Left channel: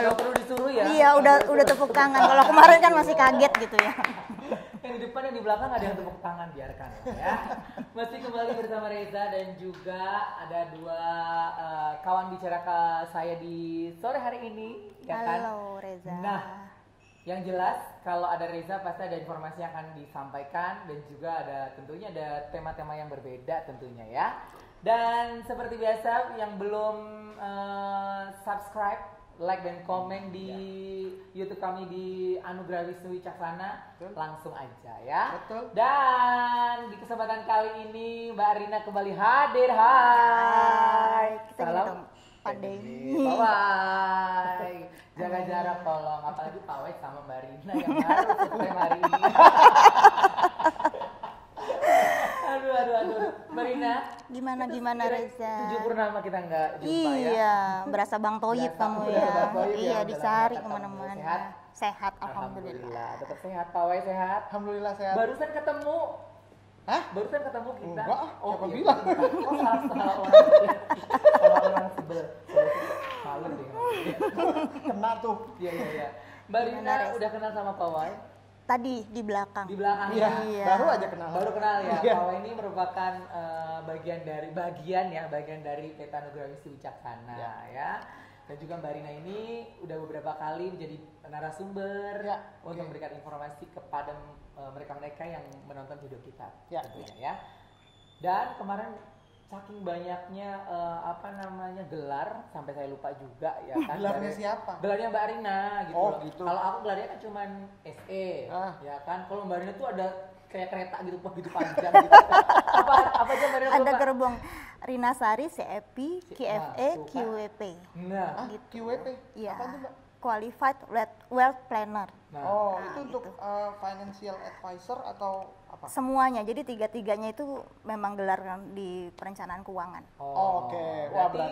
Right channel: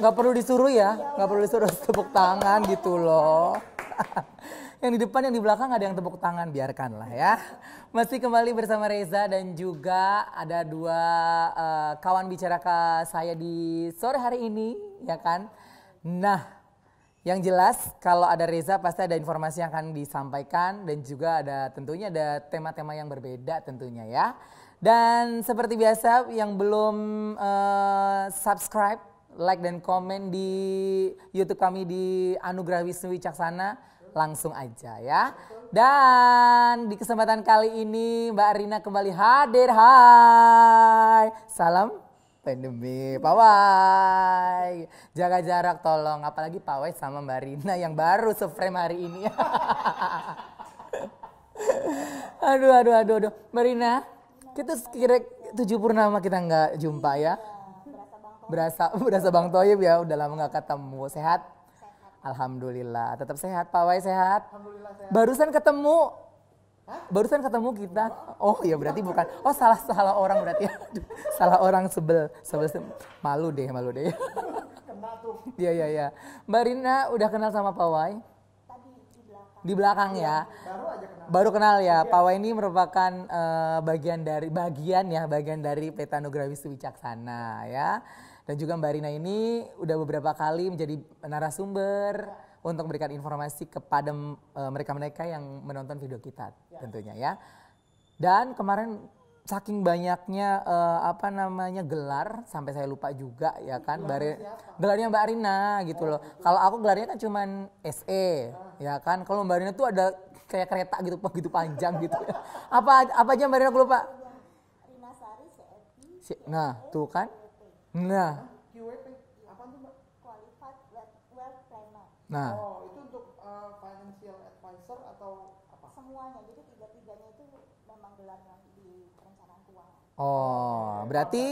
Gak perlu disuruh ya? Iya, udah tepuk tangan. Kalau kemarin kan masih kaget gitu ya. Yang di depan, yang di belakang ada yang tepuk tangan, biarkanlah ya. Masih kembali bersama Reza dan juga ada dua kawan bicara saya di sore hari ini, ya kan? Halo Reza. Nah, yang jelas kalau ada Reza pasti ada informasi yang akan disampaikan dan juga tentunya ada tema-tema yang berbeda tentunya ya. Dan seperti biasa yang belum subscribe, like dan komen di YouTube kami di Anugerah Wisnu Wicaksana, langsung aja ya. Dan di kesempatan kali ini Mbak Rina kembali hadir. Hai. Salam pandemi. Pawai. Jaga jarak tolong, apalagi Pawai sama Mbak Rina yang baru survei hari ini. Aduh. Mbak Rina, Gimana kira Reza? 7 purnama kita nggak jumpa ya. Iya, berasa Bang Toyib. Berasa Bang Toyib ya, udah lama dicari nggak ketemu. kemana-mana. Sehat? Sehat, Alhamdulillah, tetap sehat. Pawai sehat? Alhamdulillah sehat. Barusan ketemu. Hah? Barusan ketemu kita. Enggak. Oh iya berarti bukan. Oh salah orang berarti. Salah orang sebel malu deh. Kena tuh. Iya. Mbak Rina udah kenal sama Pawai? Tadi di belakang. Di belakang ya. Iya. Baru aja kenal. Baru kenal ya. Iya. Pawai ini merupakan bagian dari Peta Anugerah Wisnu Wicaksana ya. Dan juga Mbak Rina ini udah beberapa kali menjadi narasumber untuk memberikan informasi kepada mereka-mereka yang menonton video kita tentunya ya. Dan kemarin saking banyaknya gelar sampai saya lupa juga ya kan. Gelarnya siapa? Gelarnya Mbak Rina gitu loh. Gitu. Kalau aku gelarnya kan cuman SE ya kan. Kalau Mbak Rina tuh ada kayak kereta gitu panjang gitu. apa aja Mbak Rina lupa? Ada gerbong Rina Sari, CEP, KFE, tuh kan. QWP. Nah, QWP? Iya. Apa tuh, Mbak? Qualified Wealth Planner. nah. Oh, itu untuk financial advisor atau apa? Semuanya, jadi tiga-tiganya itu memang gelar di perencanaan keuangan. Oh, Oke. berarti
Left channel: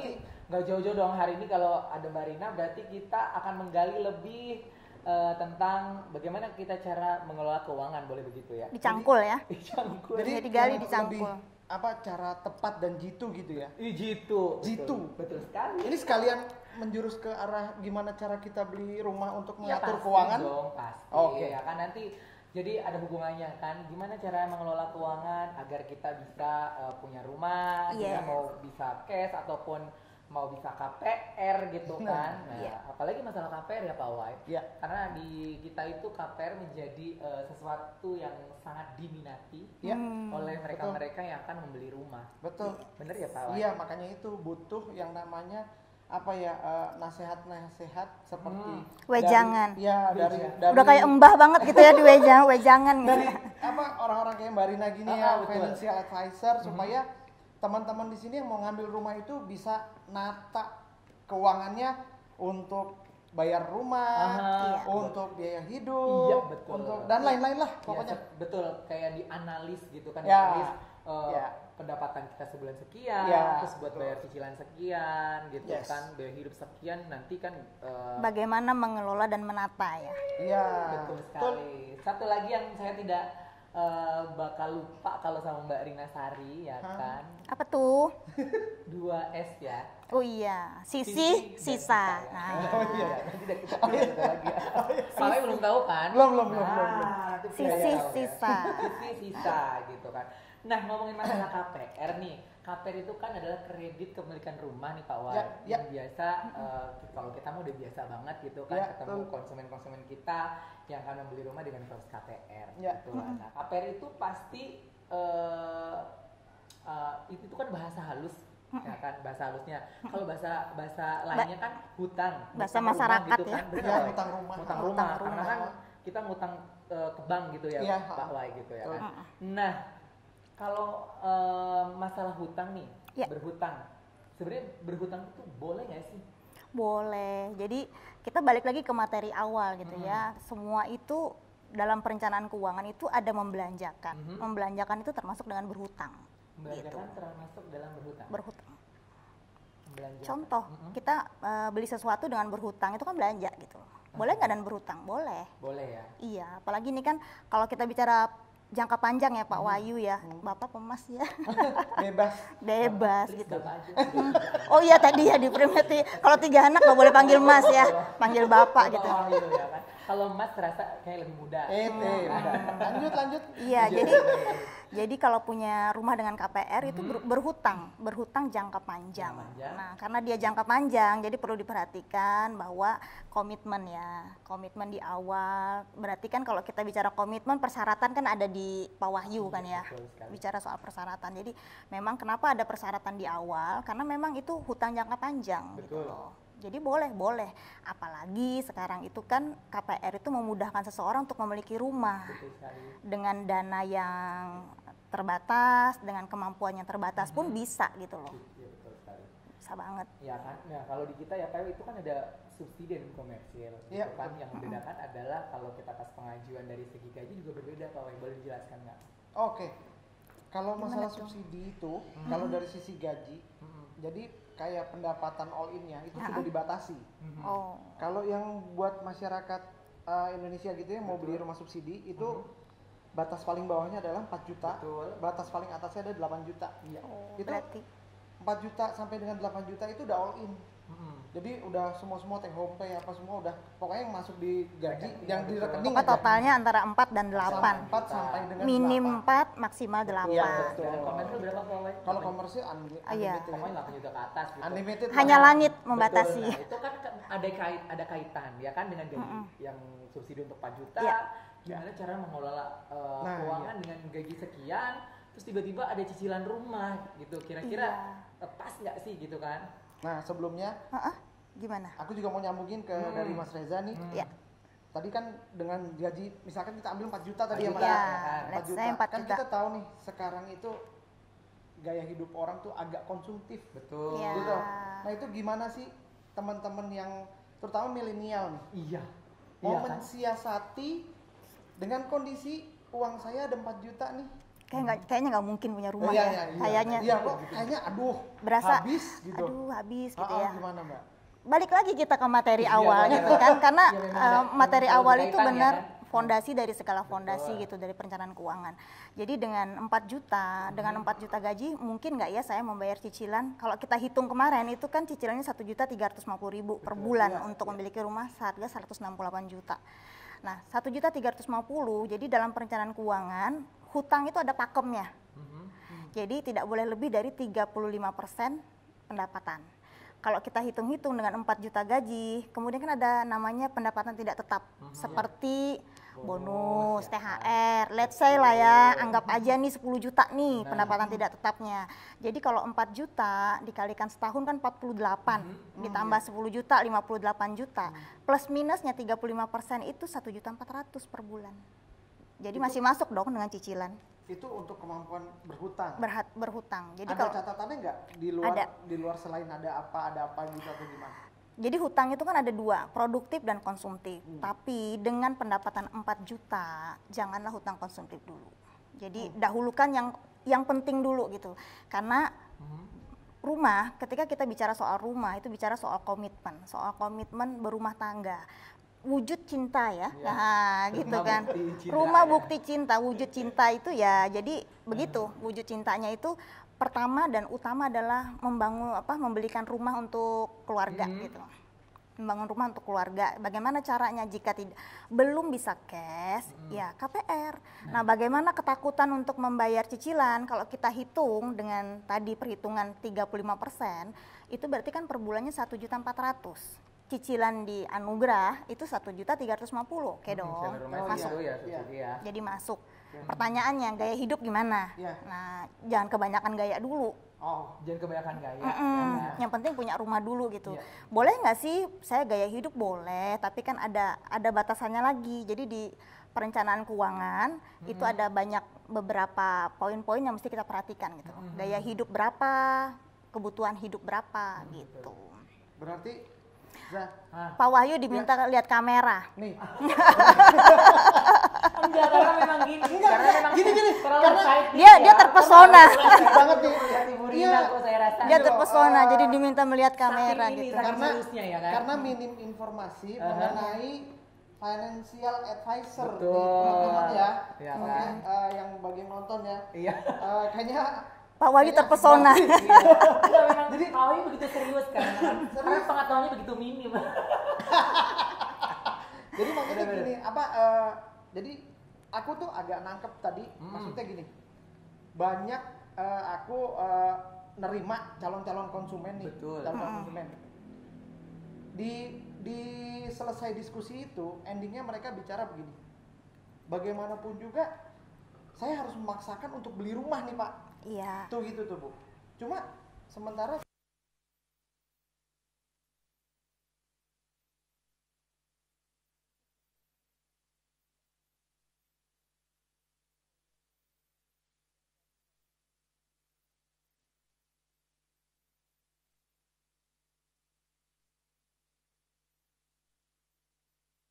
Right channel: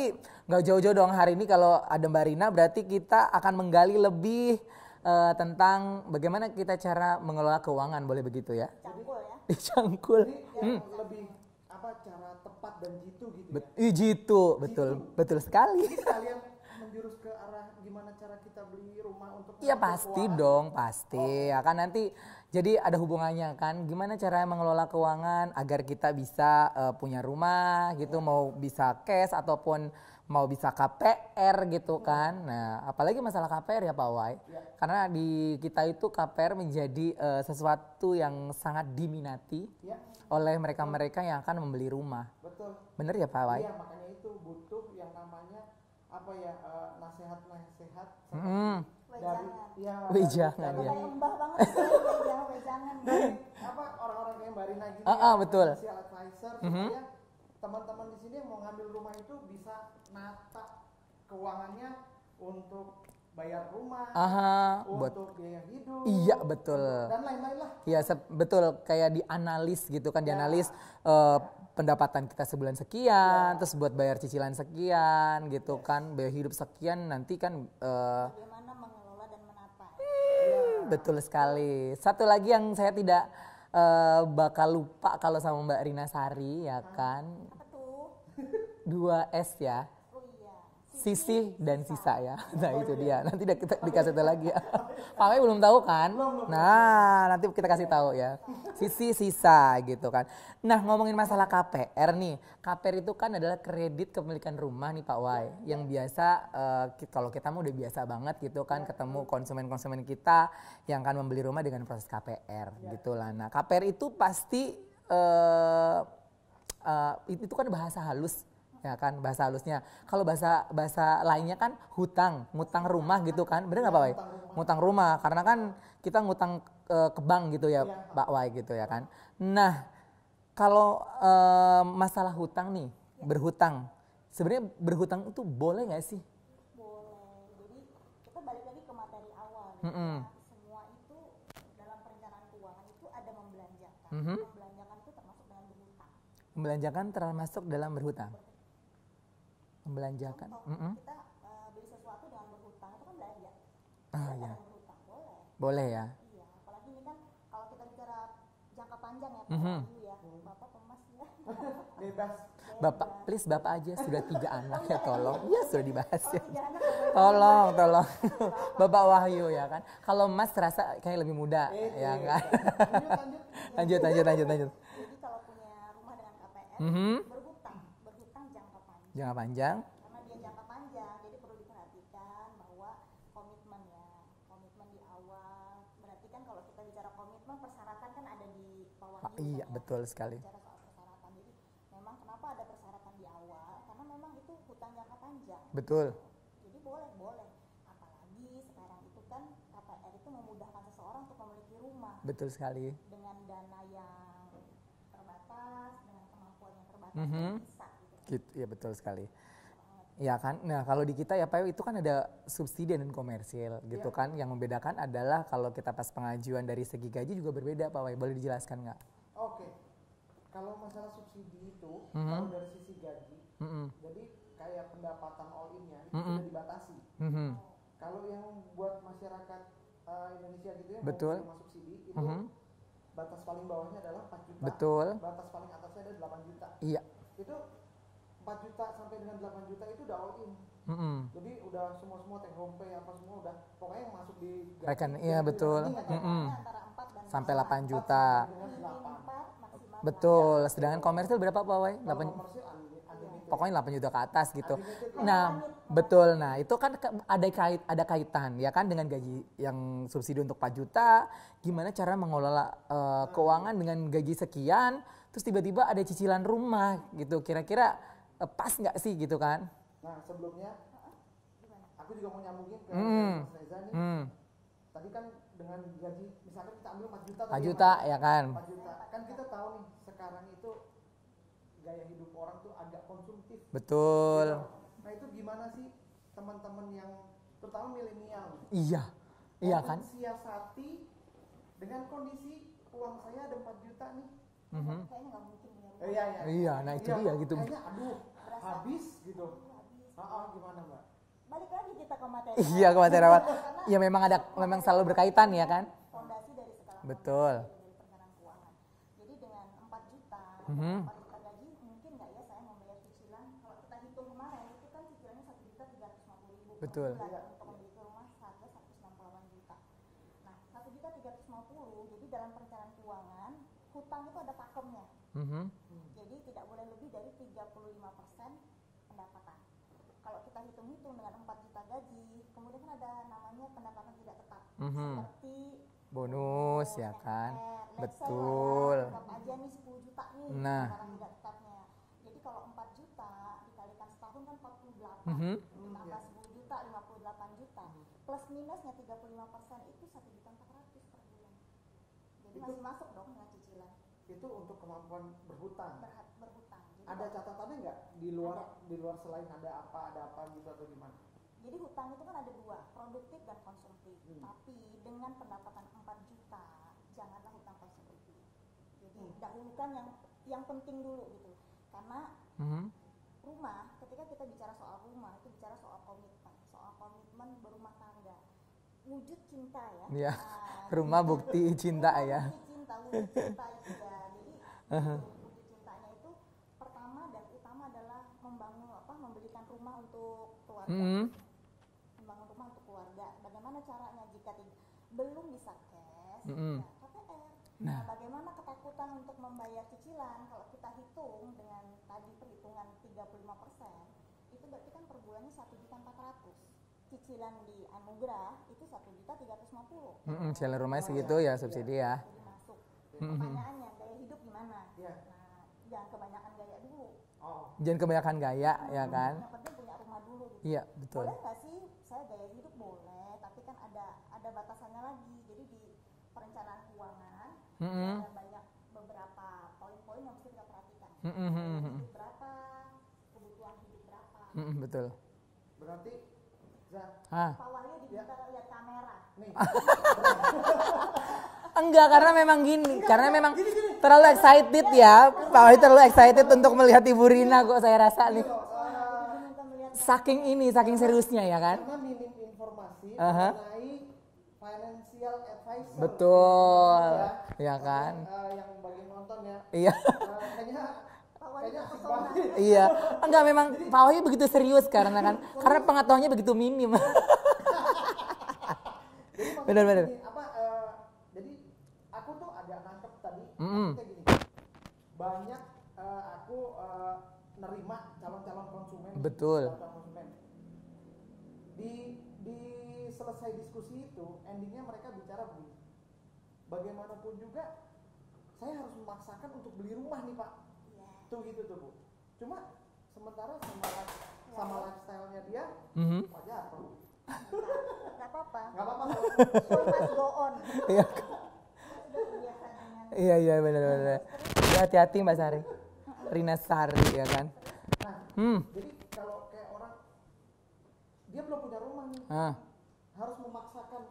nggak jauh-jauh dong hari ini kalau ada Mbak Rina, berarti kita akan menggali lebih tentang bagaimana kita cara mengelola keuangan, boleh begitu ya? Dicangkul ya. Dicangkul. Jadi digali, lebih dicangkul. cara tepat dan jitu gitu ya. Jitu, Jitu. betul sekali. Ini sekalian menjurus ke arah gimana cara kita beli rumah untuk Iya mengatur pasti keuangan. dong, pasti. Oke. Ya kan nanti jadi ada hubungannya kan, gimana cara mengelola keuangan agar kita bisa punya rumah gitu, Yes. mau bisa cash ataupun mau bisa KPR gitu kan. Nah, apalagi masalah KPR ya Pak Wai. Iya. Karena di kita itu KPR menjadi sesuatu yang sangat diminati oleh mereka-mereka yang akan membeli rumah. Betul. Bener ya Pak Wai? Iya, makanya itu butuh yang namanya nasihat-nasihat seperti Wejangan. dari Udah kayak embah banget gitu ya di wejangan gitu. dari orang-orang kayak Mbak Rina gini betul. financial advisor supaya teman-teman di sini yang mau ngambil rumah itu bisa nata keuangannya untuk bayar rumah, untuk biaya hidup, Iya, betul. dan lain-lain lah. Iya betul, kayak dianalis gitu kan, Ya. dianalis pendapatan kita sebulan sekian, terus buat bayar cicilan sekian gitu kan, biaya hidup sekian, nanti kan Bagaimana mengelola dan menata ya. Iya. betul sekali. Satu lagi yang saya tidak bakal lupa kalau sama Mbak Rina Sari ya kan, Apa tuh? 2S ya. Oh iya, Sisi sisi, dan sisa ya. Nah, itu iya. dia. Nanti kita dikasih tahu lagi ya. Pakai belum tahu kan? Belum. Nanti kita kasih Sisi, tahu ya. sisa. Sisi sisa gitu kan. Nah, ngomongin masalah KPR nih. KPR itu kan adalah kredit kepemilikan rumah nih Pak Wai. Yang biasa kalau kita mau udah biasa banget gitu kan ketemu konsumen-konsumen kita yang akan membeli rumah dengan proses KPR gitu lah. Nah, KPR itu pasti itu kan bahasa halus ya kan, bahasa halusnya. Kalau bahasa lainnya kan hutang, ngutang rumah masyarakat gitu ya. kan. Bener nggak Pak Wai? Ngutang rumah. Ngutang rumah karena kan kita ngutang ke bank gitu ya Iya. Pak Wai gitu ya kan. Nah, kalau masalah hutang nih, berhutang. Sebenarnya berhutang itu boleh nggak sih? Boleh. Jadi kita balik lagi ke materi awal gitu ya. Semua itu dalam perencanaan keuangan itu ada membelanjakan. Membelanjakan itu termasuk dengan berhutang. Membelanjakan termasuk dalam berhutang. Berhutang. Membelanjakan. Contoh, kita beli sesuatu dengan berhutang itu kan belanja gitu. Boleh nggak dan berhutang? Boleh. Boleh ya. Iya, apalagi ini kan kalau kita bicara jangka panjang ya Pak Wahyu ya. Bapak pemas ya. Bebas. Bebas Please gitu. Bapak aja sudah 3 anak. Oh iya tadi ya diperingati. Kalau 3 anak nggak boleh panggil Mas ya. Panggil Bapak Bapak gitu. Wahyu ya kan. Kalau Mas terasa kayak lebih muda. Ya kan? Lanjut. Iya, Lanjut. jadi kalau punya rumah dengan KPR itu berhutang jangka panjang. Jangka panjang. Nah, karena dia jangka panjang, jadi perlu diperhatikan bahwa komitmen ya, komitmen di awal. Berarti kan kalau kita bicara komitmen, persyaratan kan ada di Pak Wahyu kan ya. Betul sekali. Bicara soal persyaratan. Jadi memang kenapa ada persyaratan di awal? Karena memang itu hutang jangka panjang. Betul. Gitu loh. Jadi boleh. Apalagi sekarang itu kan KPR itu memudahkan seseorang untuk memiliki rumah. Betul sekali. Dengan dana yang terbatas, dengan kemampuan yang terbatas pun bisa gitu loh. Iya betul sekali. Bisa banget. Ya kan, nah kalau di kita ya Pak itu kan ada subsidi dan komersil gitu kan. Yang membedakan adalah kalau kita pas pengajuan dari segi gaji juga berbeda Pak Wai, boleh dijelaskan nggak? Oke, kalau masalah subsidi itu, kalau dari sisi gaji, jadi kayak pendapatan all in-nya itu perlu dibatasi. Oh. Kalau yang buat masyarakat Indonesia gitu ya mau beli rumah subsidi itu batas paling bawahnya adalah 4 juta. Betul. Batas paling atasnya ada 8 juta. Iya. Oh, Itu berarti 4 juta sampai dengan 8 juta itu udah all in. Jadi udah semua take home pay apa semua udah pokoknya yang masuk di gaji. Iya betul. totalnya antara 4 dan Sampai 8. 8 juta. Minim 4, maksimal 8. Betul. Sedangkan komersil berapa Pak Wai? Kalau komersil unlimited. Iya. Pokoknya 8 juta ke atas gitu. Unlimited. Hanya langit membatasi. Betul. Nah, itu kan ada kaitan ya kan dengan gaji yang subsidi untuk 4 juta. Gimana cara mengelola keuangan dengan gaji sekian, terus tiba-tiba ada cicilan rumah gitu. Kira-kira pas nggak sih gitu kan? Nah, sebelumnya Gimana? aku juga mau nyambungin ke dari Mas Reza nih. Iya. Tadi kan dengan gaji misalkan kita ambil 4 juta 4 tadi juta ya, ya kan? 4 juta. 4 Kan juta. kita tahu nih sekarang itu gaya hidup orang tuh agak konsumtif. Betul. Gitu. Nah, itu gimana sih teman-teman yang terutama milenial nih? Iya. Mau Iya kan? mensiasati dengan kondisi uang saya ada 4 juta nih. Kayaknya nggak mungkin punya rumah Iya, ya. iya, Kayaknya. Iya, gitu. kayaknya aduh Berasa habis gitu. habis gitu ya. Gimana, Mbak? Balik lagi kita ke materi Iya, awal materi gitu awal. kan, karena Ya, memang materi selalu awal itu berkaitan ya benar kan? fondasi dari segala fondasi Betul. gitu dari perencanaan keuangan. Jadi dengan 4 juta, dengan 4 juta gaji mungkin nggak ya saya membayar cicilan? Kalau kita hitung kemarin itu kan cicilannya 1.350.000 per Betul, bulan iya, untuk memiliki rumah seharga 168 juta. Nah, 1.350.000 jadi dalam perencanaan keuangan hutang itu ada pakemnya. Jadi tidak boleh lebih dari 35% pendapatan. Kalau kita hitung-hitung dengan 4 juta gaji, kemudian kan ada namanya pendapatan tidak tetap, seperti bonus, ya kan? THR, let's say lah ya, anggap aja nih 10 juta nih pendapatan tidak tetapnya. Jadi kalau 4 juta dikalikan setahun kan 48, ditambah 10 juta, 58 juta, plus minusnya 35% itu 1.400.000 per bulan. Jadi masih masuk dong dengan cicilan. Itu untuk kemampuan berhutang. Berhutang. Jadi Ada kalau catatannya nggak di luar selain ada apa gitu atau gimana? jadi hutang itu kan ada 2, produktif dan konsumtif. Tapi dengan pendapatan 4 juta, janganlah hutang konsumtif dulu. Jadi dahulukan yang penting dulu gitu. Karena rumah, ketika kita bicara soal rumah itu bicara soal komitmen berumah tangga. Wujud cinta ya, nah gitu Rumah kan. bukti cinta Rumah ya. bukti cinta, wujud cinta itu ya. Jadi begitu, wujud cintanya itu pertama dan utama adalah membelikan rumah untuk keluarga gitu. Membangun rumah untuk keluarga. Bagaimana caranya jika belum bisa cash, ya KPR. Nah, bagaimana ketakutan untuk membayar cicilan? Kalau kita hitung dengan tadi perhitungan 35%, itu berarti kan per bulannya 1.400.000. Cicilan di Anugerah itu 1.350.000, oke dong. Cicilan rumah segitu ya subsidi ya. Jadi masuk. Pertanyaannya gaya hidup gimana? Nah, jangan kebanyakan gaya dulu. Jangan kebanyakan gaya ya kan. Yang penting punya rumah dulu gitu. Iya, boleh nggak sih saya gaya hidup? Boleh, tapi kan ada batasannya lagi. Jadi di perencanaan keuangan itu ada beberapa poin-poin yang mesti kita perhatikan gitu. Gaya hidup berapa, kebutuhan hidup berapa gitu. Betul. Berarti Pak Wahyu diminta lihat kamera. nih. Enggak, karena memang gini. Karena memang terlalu excited Dia ya. terpesona. Terlalu excited untuk melihat Ibu Rina kok saya rasa. Dia terpesona, jadi diminta melihat kamera. Saking ini, gitu. saking seriusnya ya kan. Karena minim informasi mengenai financial advisor. Betul. Ya. Iya kan? Yang bagi nonton ya. Iya. Kayaknya Pak Wahyu terpesona. Iya. Enggak, memang Pak Wahyu begitu serius karena kan karena pengetahuannya begitu minim. Jadi maksudnya Benar-benar. gini, jadi aku tuh agak nangkep tadi, maksudnya gini, banyak aku nerima calon-calon konsumen nih. Betul. Calon konsumen. Di selesai diskusi itu, endingnya mereka bicara begini, bagaimanapun juga saya harus memaksakan untuk beli rumah nih Pak. Iya. Tuh gitu tuh Bu. Cuma sementara sama lifestyle-nya dia, wajar tuh. Nggak apa-apa. Nggak apa-apa. So must go on. Iya. Sudah terbiasa dengan Iya benar. Ya, hati-hati Mbak Sari. Rina Sari ya kan. Nah, jadi kalau kayak orang dia belum punya rumah nih, harus memaksakan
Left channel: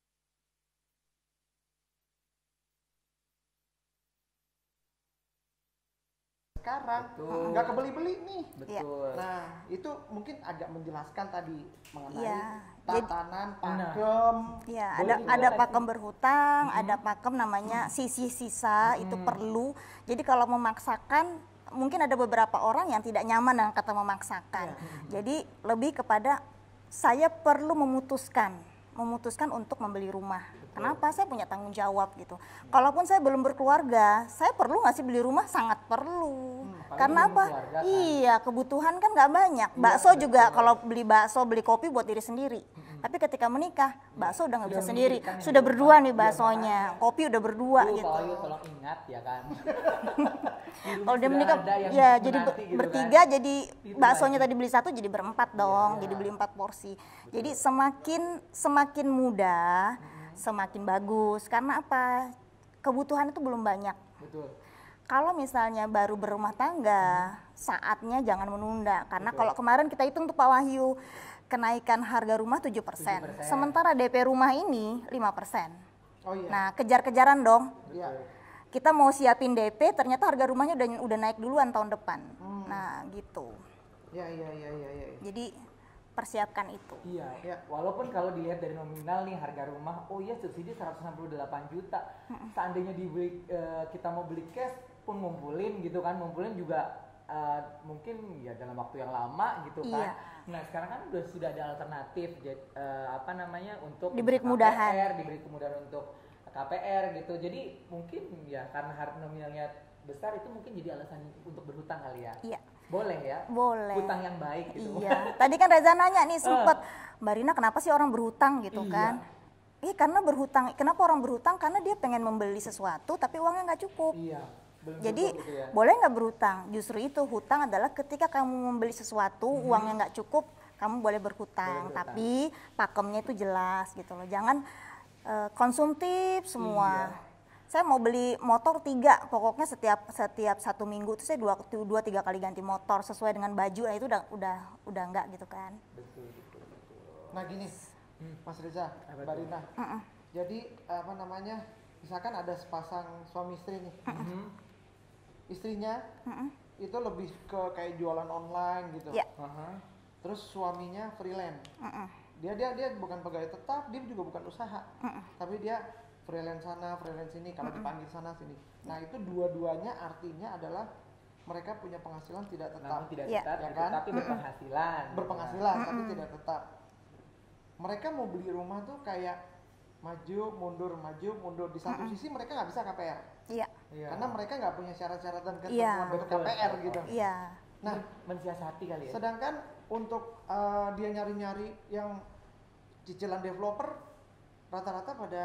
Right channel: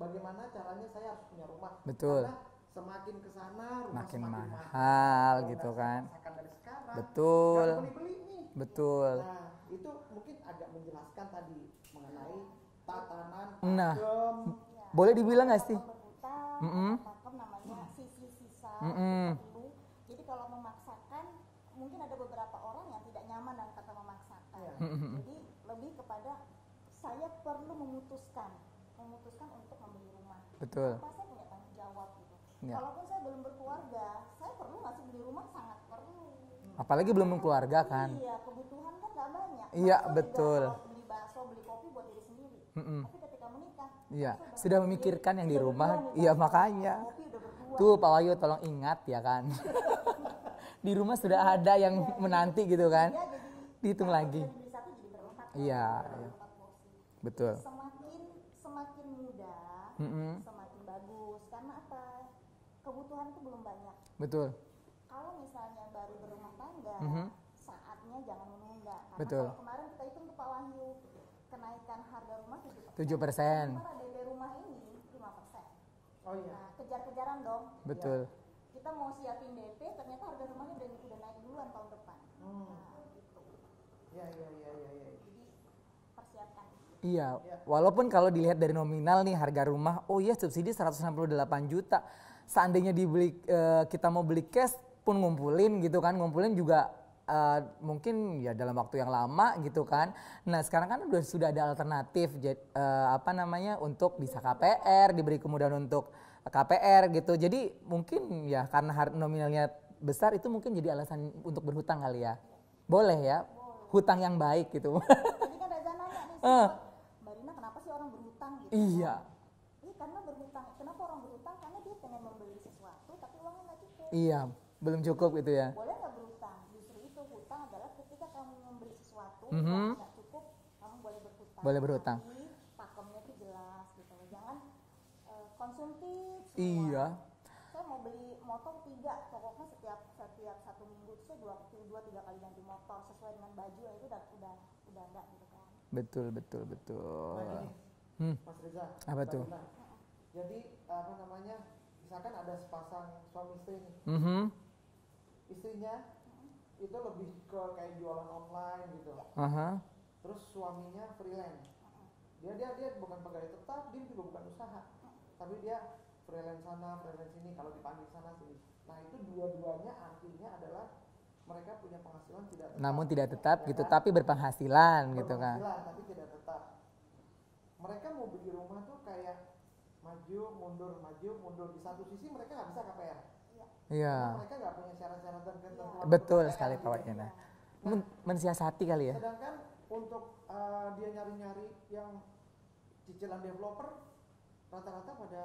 bagaimana caranya saya harus punya rumah. Betul. Karena semakin kesana rumah Makin semakin mahal gitu kan. Makan dari sekarang. Betul. Nggak kebeli-beli nih. Betul. Nah, itu mungkin agak menjelaskan tadi mengenai Iya. tatanan Nah. pakem. Ya, Boleh ada dibilang nggak sih? pakem berhutang, ada pakem namanya sisa itu perlu. Jadi kalau memaksakan, mungkin ada beberapa orang yang tidak nyaman dengan kata memaksakan. Jadi lebih kepada saya perlu memutuskan untuk membeli rumah. Betul. Kenapa? Saya punya tanggung jawab gitu. Kalaupun saya belum berkeluarga, saya perlu nggak sih beli rumah? Sangat perlu. Apalagi Karena belum apa? berkeluarga kan. Iya, kebutuhan kan nggak banyak. Iya, Bakso juga betul. kalau beli bakso, beli kopi buat diri sendiri. Tapi ketika menikah, bakso udah nggak Sudah bisa sendiri. memikirkan yang Sudah di berdua rumah. nih Iya, baksonya. makanya. Kopi udah berdua Tuh gitu. Pak Wahyu tolong ingat ya kan. Di rumah Kalau dia sudah menikah, ada yang ya, menanti jadi gitu kan. bertiga jadi Itu baksonya lagi. tadi beli satu jadi berempat dong, Iya. jadi beli 4 porsi. Betul. Jadi semakin muda, semakin bagus. Karena apa? Kebutuhan itu belum banyak. Betul. Kalau misalnya baru berumah tangga, saatnya jangan menunda. Karena Betul. kalau kemarin kita hitung tuh Pak Wahyu, kenaikan harga rumah 7%. 7%. Sementara DP rumah ini 5%. Oh iya. Nah, kejar-kejaran dong. Betul. Kita mau siapin DP, ternyata harga rumahnya udah naik duluan tahun depan. Nah, gitu. Iya. Jadi persiapkan itu. Iya, Iya. walaupun kalau dilihat dari nominal nih harga rumah, oh iya subsidi 168 juta. Seandainya kita mau beli cash pun ngumpulin gitu kan, ngumpulin juga mungkin ya dalam waktu yang lama gitu kan. Nah sekarang kan sudah ada alternatif, untuk Diberi bisa kemudahan. KPR, diberi kemudahan untuk KPR gitu. Jadi mungkin ya karena nominalnya besar itu mungkin jadi alasan untuk berhutang kali ya. Iya. Boleh ya? Boleh. Hutang yang baik gitu. Iya. Tadi kan Reza nanya nih sempet, Mbak Rina kenapa sih orang berhutang gitu Iya. kan? Karena berhutang. Kenapa orang berhutang? Karena dia pengen membeli sesuatu tapi uangnya nggak cukup. Iya, belum Jadi cukup gitu ya. boleh nggak berhutang? Justru itu hutang adalah ketika kamu membeli sesuatu uangnya nggak cukup, kamu boleh berhutang. Boleh berhutang. Tapi pakemnya itu jelas gitu loh. Jangan konsumtif semua. Iya. Saya mau beli motor 3, pokoknya setiap 1 minggu itu saya 2-3 kali ganti motor sesuai dengan baju. Nah itu udah enggak gitu kan. Betul. Nah gini, Mas Reza, Apa Mbak tuh? Rina. Jadi misalkan ada sepasang suami istri nih. Istrinya itu lebih ke kayak jualan online gitu. Iya. Aha. Terus suaminya freelance. Dia bukan pegawai tetap, dia juga bukan usaha. Tapi dia freelance sana, freelance sini, kalau dipanggil sana sini. Nah, itu dua-duanya artinya adalah mereka punya penghasilan tidak tetap. Namun tidak Iya. tetap Ya gitu, kan? tapi berpenghasilan gitu kan. Berpenghasilan tapi tidak tetap. Mereka mau beli rumah tuh kayak maju mundur. Di satu sisi mereka nggak bisa KPR. Iya. Iya. Karena mereka nggak punya syarat-syarat dan Iya. ketentuan untuk Betul KPR sekali, gitu. kawan. Iya. Nah, Mensiasati kali ya. sedangkan untuk dia nyari-nyari yang cicilan developer rata-rata pada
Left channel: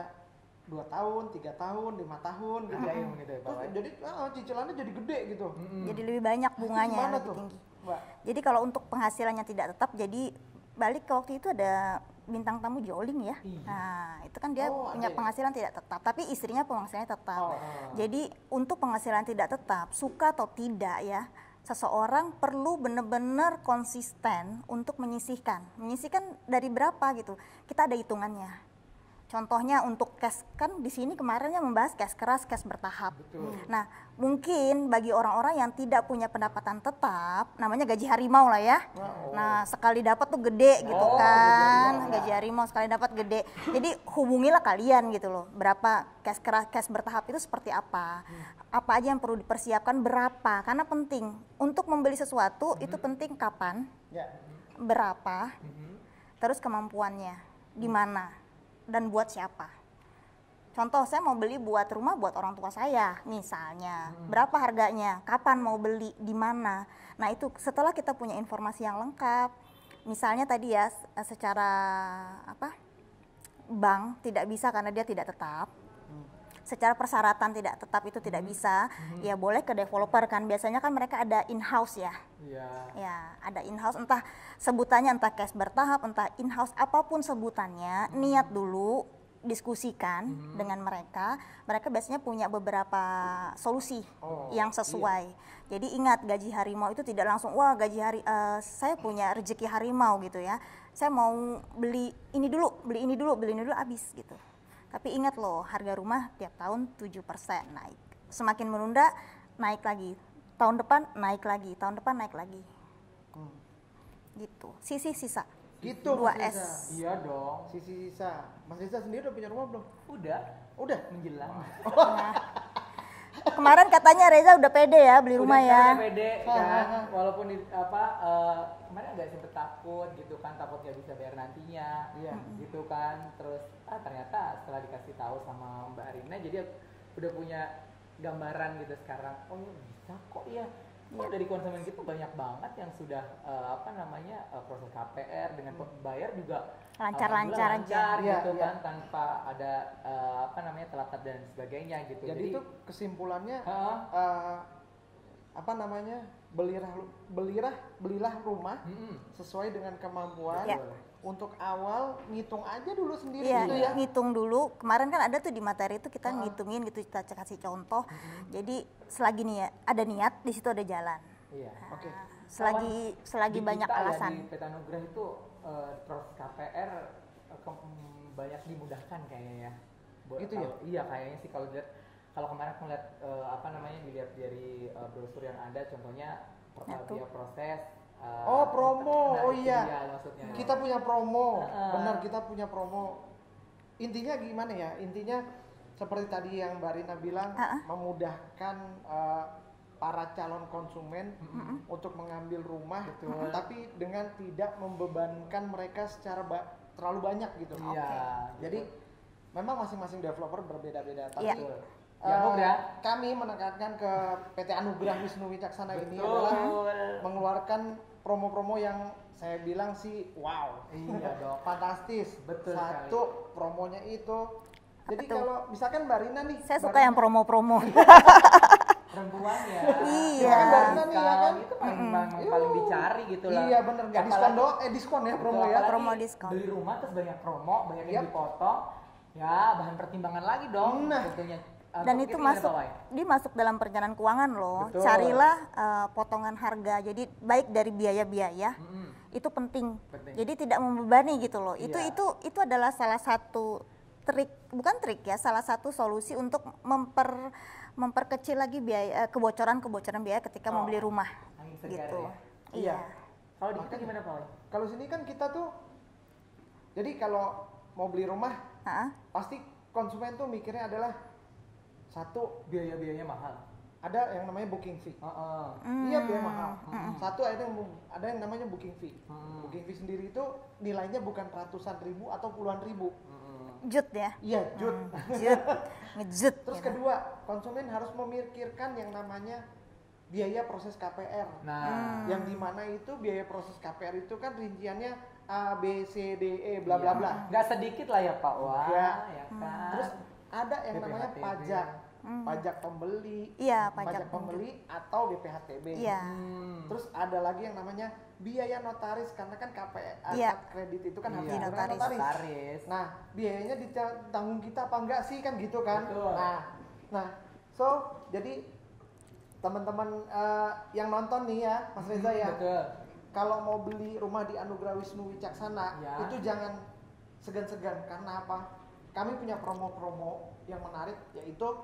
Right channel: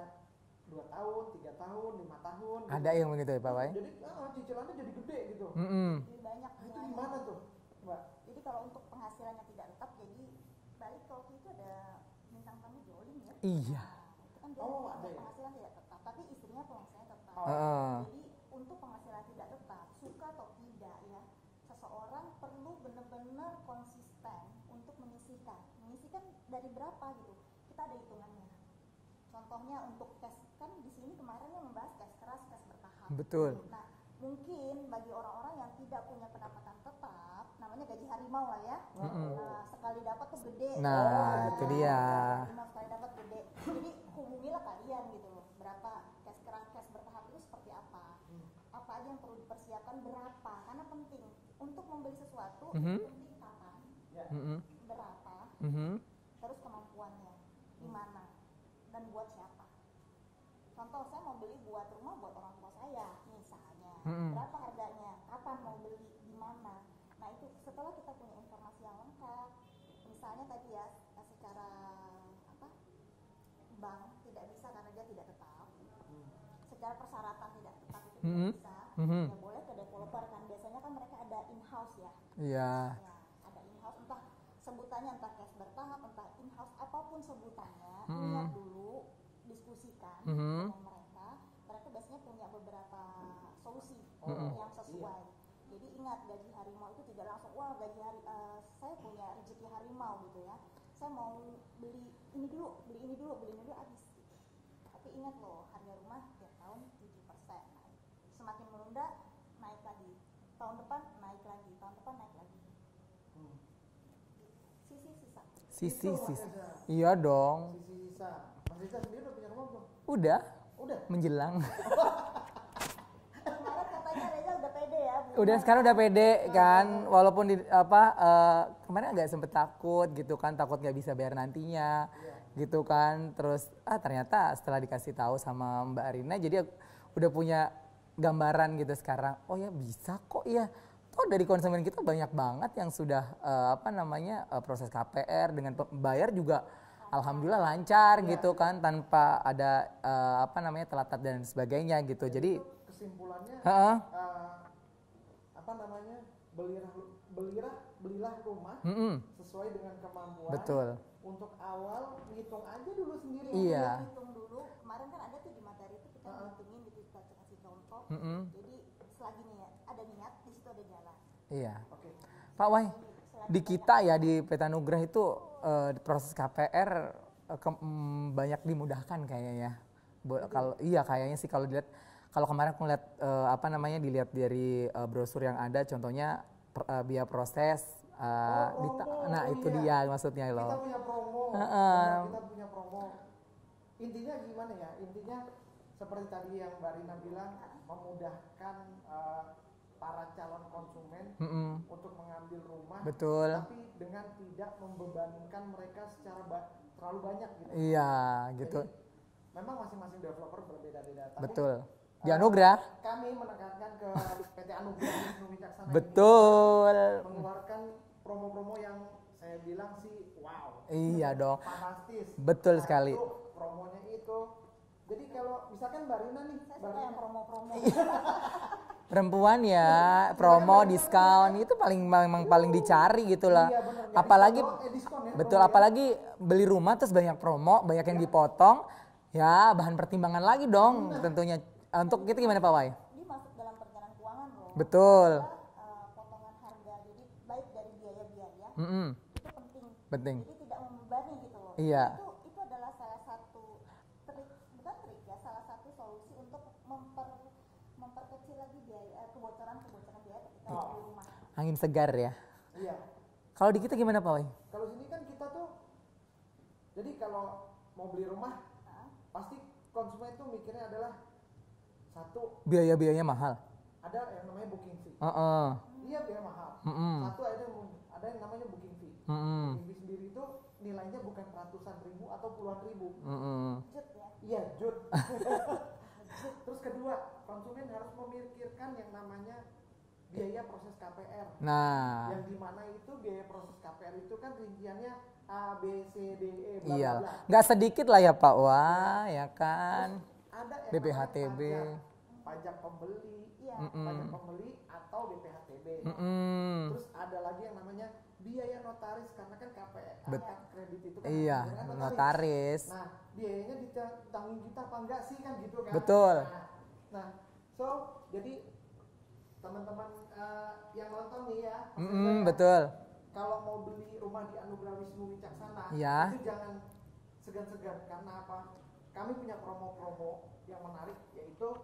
2 tahun, 3 tahun, 5 tahun. Ada yang begitu ya Pak Wai? Jadi cicilannya jadi gede gitu. Jadi lebih banyak bunganya, Gimana lebih tuh, tinggi. Mbak? Jadi kalau untuk penghasilannya tidak tetap, jadi balik ke waktu itu ada bintang tamu Joling ya. Iya. Nah, itu kan dia Oh, punya ada ya? penghasilan tidak tetap, tapi istrinya penghasilannya tetap. Oh. Jadi untuk penghasilan tidak tetap, suka atau tidak ya, seseorang perlu benar-benar konsisten untuk menyisihkan. Menyisihkan dari berapa gitu? Kita ada hitungannya. Contohnya untuk cash, kan di sini kemarinnya membahas cash keras, cash bertahap. Betul. Nah, mungkin bagi orang-orang yang tidak punya pendapatan tetap, namanya gaji harimau lah ya. Nah, sekali dapat tuh gede gitu kan. iya. Gaji harimau sekali dapat gede. Jadi hubungilah kalian gitu loh. Berapa cash keras, cash bertahap itu seperti apa? Apa aja yang perlu dipersiapkan, berapa? Karena penting untuk membeli sesuatu itu penting kapan, Ya. berapa, Mhm. terus kemampuannya di mana dan buat siapa. Contoh, saya mau beli buat rumah buat orang tua saya misalnya. Berapa harganya? Kapan mau beli? Di mana? Nah, itu setelah kita punya informasi yang lengkap. Misalnya tadi ya secara bank tidak bisa karena dia tidak tetap. Secara persyaratan tidak tetap itu tidak bisa. Ya boleh ke developer kan. Biasanya kan mereka ada in-house ya. Iya. Ya, ada in-house, entah sebutannya entah cash bertahap, entah in-house, apapun sebutannya, niat dulu, diskusikan dengan mereka. Mereka biasanya punya beberapa solusi yang sesuai. Jadi ingat, gaji harimau itu tidak langsung, wah saya punya rezeki harimau gitu ya. Saya mau beli ini dulu, habis gitu. Tapi ingat loh, harga rumah tiap tahun 7% naik. Semakin menunda, naik lagi. Tahun depan naik lagi, tahun depan naik lagi. Gitu. Sisa. Itu 2S. Iya dong. Sisa. Mas Riza sendiri udah punya rumah belum? Udah Udah. menjelang. Kemarin katanya Reza udah pede ya beli rumah sekarang ya. udah pede kan, walaupun kemarin agak sempet takut gitu kan, takut nggak bisa bayar nantinya, gitu kan. Terus ternyata setelah dikasih tahu sama Mbak Arina, jadi udah punya gambaran gitu sekarang. Oh ya bisa kok ya. Oh dari konsumen kita banyak banget yang sudah proses KPR dengan bayar juga alhamdulillah lancar gitu kan, tanpa ada telat dan sebagainya gitu. Jadi itu kesimpulannya belilah rumah sesuai dengan kemampuan. Betul. Untuk awal ngitung aja dulu sendiri Iya, gitu ya. ngitung dulu. Kemarin kan ada tuh di materi itu kita ngitungin gitu, kita kasih contoh. Jadi selagi ada niat, di situ ada jalan. Iya. Oke. Selagi Di banyak kita ya alasan. di Petanugrah itu proses KPR banyak dimudahkan kayaknya ya. Kayaknya sih kalau dilihat, kalau kemarin aku lihat dilihat dari brosur yang ada, contohnya biaya proses. Promo. Itu dia maksudnya loh. Kita punya promo. Benar, kita punya promo. Intinya gimana ya? Intinya seperti tadi yang Mbak Rina bilang, memudahkan para calon konsumen untuk mengambil rumah. Betul. Tapi dengan tidak membebankan mereka secara terlalu banyak gitu. Iya, gitu. Jadi memang masing-masing developer berbeda-beda. Tapi Betul. Di Anugrah. Kami menekankan ke PT Anugrah Wisnu Wicaksana ini Betul. adalah mengeluarkan promo-promo yang saya bilang sih wow. Iya dong. Fantastis. Betul sekali. Satu, promonya itu. Jadi kalau misalkan Mbak Rina nih. Saya suka yang promo-promo. Perempuan ya, Iya. promo, Iya, diskon iya. itu memang paling dicari gitu lah. Iya benar. Apalagi diskon ya. betul, promo ya. apalagi promo diskon. beli rumah terus banyak promo, banyak yang dipotong. Ya, bahan pertimbangan lagi dong tentunya. Dan Untuk itu kita gimana Pak Wai? dia masuk dalam perencanaan keuangan loh. Betul. Carilah potongan harga. Jadi baik dari biaya-biaya itu penting. Penting. Jadi tidak membebani gitu loh. Iya. Itu adalah salah satu trik, bukan trik ya, salah satu solusi untuk memperkecil lagi biaya kebocoran biaya ketika mau beli rumah. Angin segar Gitu. ya. Iya. Kalau di kita gimana Pak Wai? Kalau sini kan kita tuh, jadi kalau mau beli rumah, pasti konsumen tuh mikirnya adalah satu, Biaya-biayanya mahal. ada yang namanya booking fee. Iya biaya mahal. Satu ada yang namanya booking fee. Booking fee sendiri itu nilainya bukan ratusan ribu atau puluhan ribu. Jut ya. Iya, jut. Ngejut. Terus gitu. kedua, konsumen harus memikirkan yang namanya biaya proses KPR. Nah, Yang dimana itu biaya proses KPR itu kan rinciannya A, B, C, D, E, bla bla bla. nggak sedikit lah ya Pak Wai, ya Terus kan. ada yang namanya BPHTB. pajak. Pajak pembeli. Iya, Pajak pembeli atau BPHTB. Iya. Terus ada lagi yang namanya biaya notaris karena kan KPR Iya. kredit itu kan Iya, harus dibayar notaris. Nah, biayanya ditanggung kita apa enggak sih kan gitu kan? Betul. Nah, so jadi teman-teman yang nonton nih ya, Mas Reza ya. Betul. Kalau mau beli rumah di Anugrah Wisnu Wicaksana, Ya. itu jangan segan-segan karena apa? kami punya promo-promo yang menarik, yaitu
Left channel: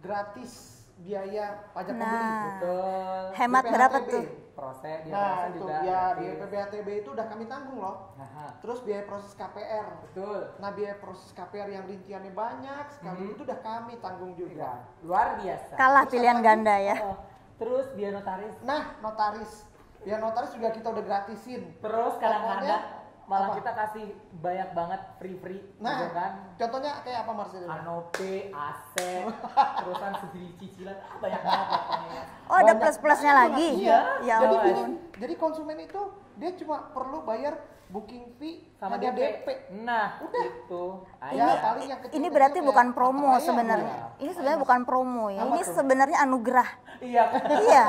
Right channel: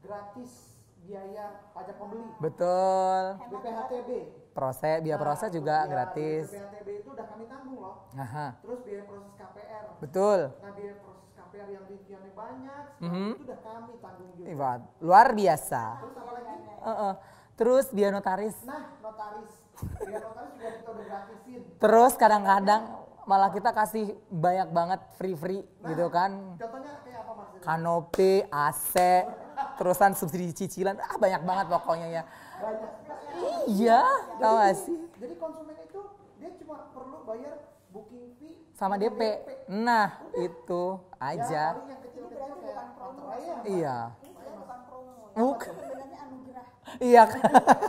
gratis biaya pajak pembeli. Betul. Hemat berapa tuh? Proses Itu juga ya, gratis. biaya PPATB itu udah kami tanggung loh. Aha. Terus biaya proses KPR. Betul. Nah, biaya proses KPR yang rinciannya banyak sekali itu udah kami tanggung juga. Ivan, luar biasa. Kalah pilihan ganda ya. Terus biaya notaris. Nah, biaya notaris juga kita udah gratisin. Terus kadang-kadang malah kita kasih banyak banget free Nah, gitu kan. Contohnya kayak apa Marcel? Kanopi, AC, terusan subsidi cicilan, banyak banget pokoknya ya. Oh, ada plus-plusnya lagi? Iya, Ya tahu ampun. nggak sih? Jadi konsumen itu dia cuma perlu bayar booking fee Sama hanya DP. Nah, itu Ya, aja. paling yang kecil-kecil Ini berarti kayak bukan promo Pattaya. sebenarnya. Iya. Ini sebenarnya bukan promo ya. Ini sebenarnya anugerah. Iya kan? Iya.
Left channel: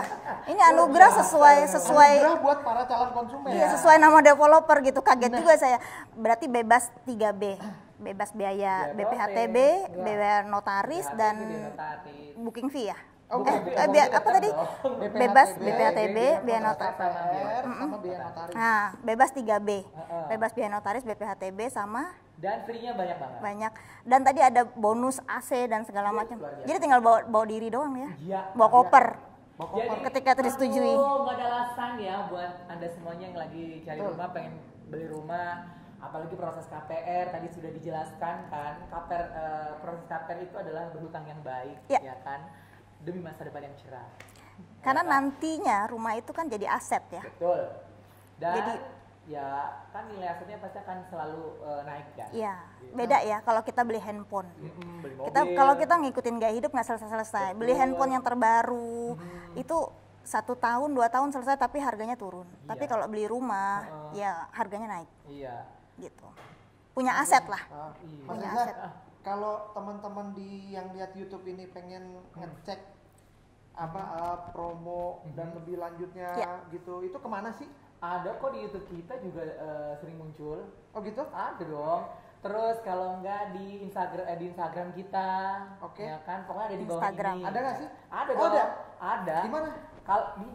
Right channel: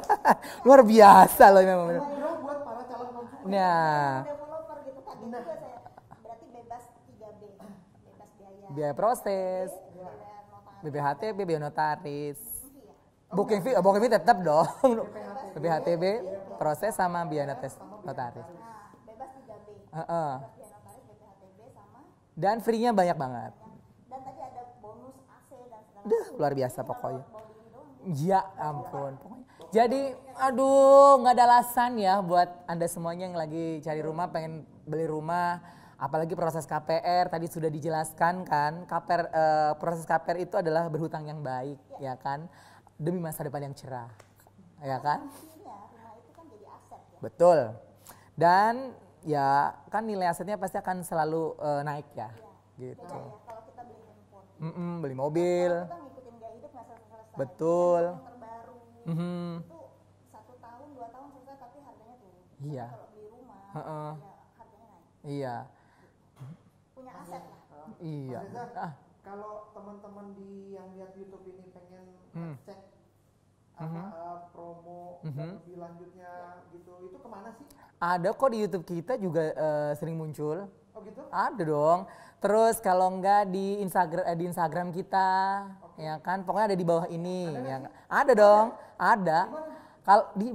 Ini Luar anugerah biasa loh, sesuai Anugerah buat para calon konsumen. Ya. sesuai nama developer gitu. Kaget juga saya. Berarti bebas 3B. Bebas biaya Biaya proses, BPHTB, ya. biaya notaris BHTB, dan biaya notaris. booking fee ya. Booking fee, apa booking fee tetap tadi? dong. Bebas BPHTB, BPHTB, biaya proses notaris. sama biaya sama biaya notaris. notaris. Nah, bebas 3B. Heeh. Bebas biaya notaris, BPHTB sama Dan free-nya banyak banget. banyak. Dan tadi ada bonus AC dan segala macam. luar biasa Jadi tinggal pokoknya. bawa diri doang ya. Iya. Bawa koper. Jadi Ketika itu disetujui. nggak ada alasan ya buat Anda semuanya yang lagi cari rumah, pengen beli rumah, apalagi proses KPR tadi sudah dijelaskan kan. Proses KPR itu adalah berhutang yang baik, Ya. ya kan, demi masa depan yang cerah. Ya Karena kan? nantinya rumah itu kan jadi aset ya. Betul. Dan ya kan nilai asetnya pasti akan selalu naik ya. Iya, Gitu. beda ya kalau kita beli handphone. Beli Kita mobil. kalau kita ngikutin gaya hidup nggak selesai-selesai. Beli Betul. handphone yang terbaru itu 1 tahun 2 tahun selesai tapi harganya turun. Iya. Tapi kalau beli rumah ya harganya naik Iya. gitu. Punya aset lah. Iya. Mas Punya Rizal, aset. kalau teman-teman yang lihat YouTube ini pengen ngecek promo dan lebih lanjutnya Ya. gitu, itu kemana sih? Ada kok di YouTube kita juga sering muncul. Oh gitu? Ada dong. Terus kalau enggak di Instagram kita, Oke. ya kan, pokoknya ada di bawah Instagram. ini. Ada nggak ya sih? kan? Ada dong, ada. Di mana? Kalau di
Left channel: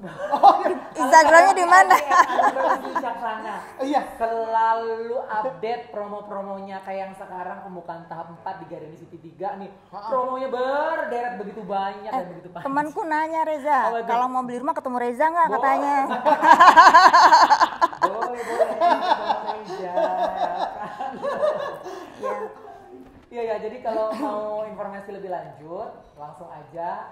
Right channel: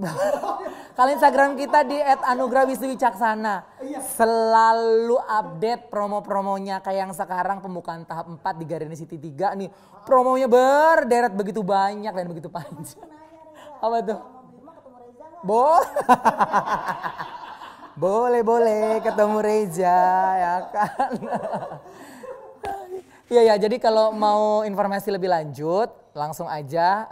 kalau Instagramnya di kita mana? di @anugrahwisnuwicaksana. Iya. Selalu update promo-promonya kayak yang sekarang pembukaan tahap 4 di Garden City 3 nih. Promonya berderet begitu banyak dan begitu panjang. Temanku nanya Reza, Apa tuh? kalau mau beli rumah ketemu Reza nggak Bo- katanya? Boleh ketemu Reza ya kan. Ya. Iya ya, jadi kalau mau informasi lebih lanjut langsung aja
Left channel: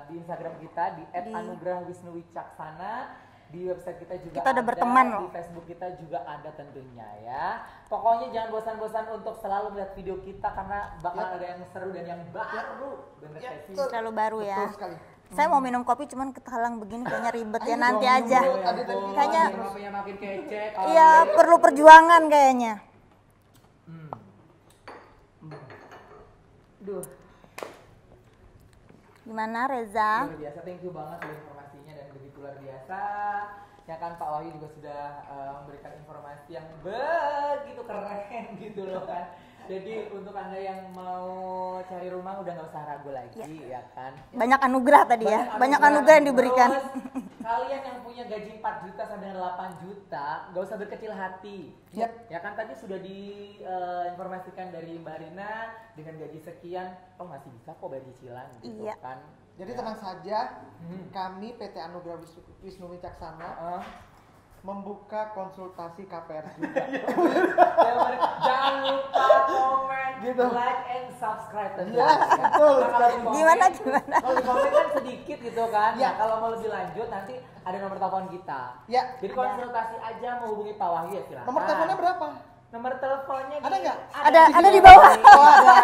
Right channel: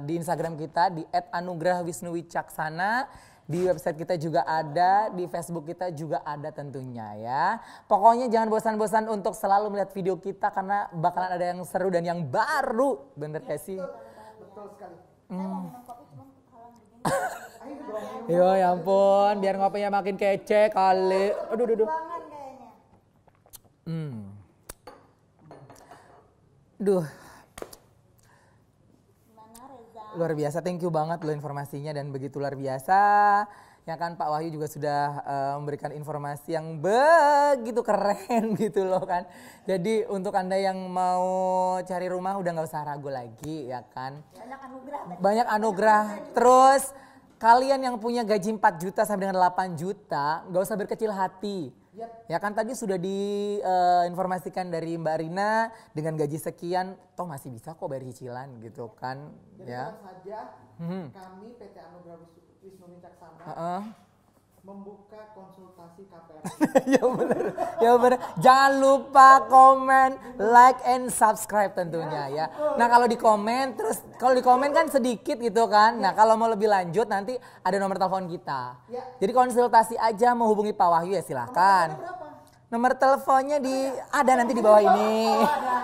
di Instagram kita di @anugrahwisnuwicaksana, di website kita juga Kita udah ada, berteman di loh. Facebook kita juga ada tentunya ya. Pokoknya jangan bosan-bosan untuk selalu melihat video kita karena bakalan ada yang seru dan yang baru, bener gak sih? Selalu baru ya. Betul sekali. Saya mau minum kopi cuman ketahalang begini kayaknya ribet ya nanti aja. Oh ya ampun, Kayaknya- biar ngopinya makin kece kali. Ya perlu perjuangan kayaknya. Duh, Gimana Reza? luar biasa, thank you banget loh informasinya dan begitu luar biasa. Ya kan Pak Wahyu juga sudah memberikan informasi yang begitu keren gitu loh kan. Jadi untuk Anda yang mau cari rumah udah nggak usah ragu lagi ya kan. Banyak anugerah tadi Banyak ya. Banyak anugerah yang diberikan. Terus kalian yang punya gaji 4 juta sampai dengan 8 juta nggak usah berkecil hati. Ya kan tadi sudah diinformasikan dari Mbak Rina dengan gaji sekian toh masih bisa kok bayar cicilan gitu Iya. kan. Jadi ya. tenang saja, kami PT Anugrah Wisnu Wicaksana Heeh. membuka konsultasi KPR. Ya bener. Jangan lupa komen, like and subscribe tentunya ya. Nah kalau di komen, kalau di komen kan sedikit gitu kan. Ya kalau mau lebih lanjut nanti ada nomor telepon kita. Ya. Jadi konsultasi aja mau hubungi Pak Wahyu ya Nomor silakan. teleponnya berapa? Nomor teleponnya di Ada nanti di bawah. ini. Ada.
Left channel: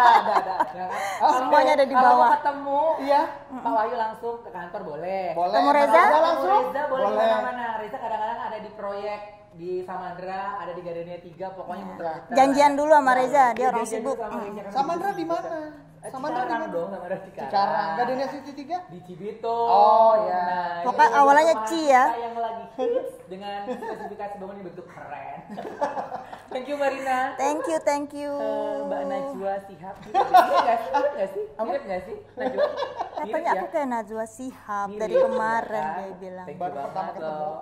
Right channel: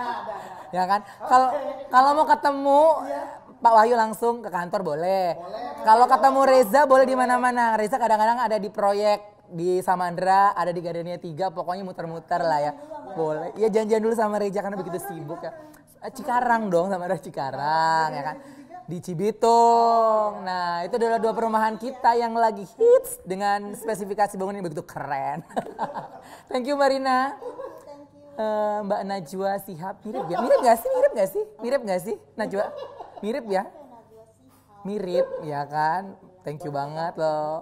Ya kan? semuanya ada di Kalau mau bawah. ketemu Iya. Pak Wahyu langsung ke kantor boleh. Boleh. Ketemu Reza? Kalau ketemu Reza boleh di Boleh. mana-mana. Reza kadang-kadang ada di proyek di Samandra, ada di Gardenia 3, pokoknya muter-muter. Janjian lah. dulu sama Reza, Boleh. dia Iya, orang janjian dulu sibuk. sama Reza karena Samandra begitu di sibuk. mana? Cikarang dong, Samandra Cikarang. Cikarang. ya kan? Gardenia City 3? Di Cibitung. Oh, iya. Nah, itu Pokoknya adalah awalnya perumahan Ci kita ya. yang lagi hits dengan spesifikasi bangunan yang begitu keren. Thank you Marina. Thank you. Mbak Najwa Sihab. Mirip gak sih? Mirip gak sih? Mirip gak sih Najwa? Mirip Katanya ya? aku kayak Najwa Shihab dari Mirip ya kemarin kan? dia bilang. Thank you banget loh.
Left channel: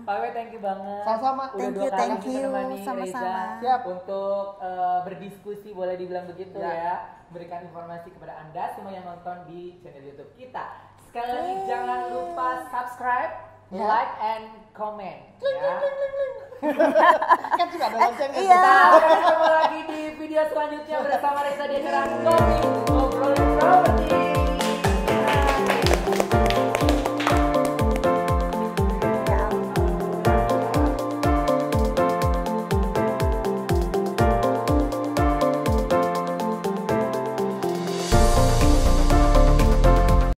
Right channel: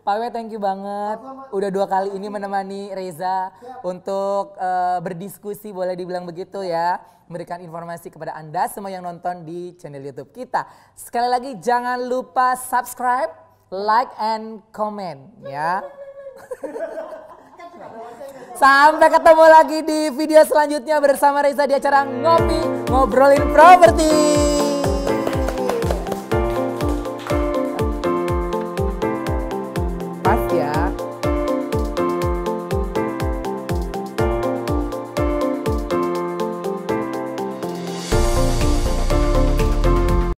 Pak W thank you banget. Sama-sama. Udah Thank 2 you, kali thank ini you. menemani Sama-sama. Reza Siap. untuk berdiskusi, boleh dibilang begitu ya. Memberikan informasi kepada Anda semua yang nonton di channel YouTube kita. Sekali lagi jangan lupa subscribe, like and comment ya. Kan juga ada loncengnya. Iya. Sampai ketemu lagi di video selanjutnya bersama Reza di acara Ngopi Ngobrolin Properti.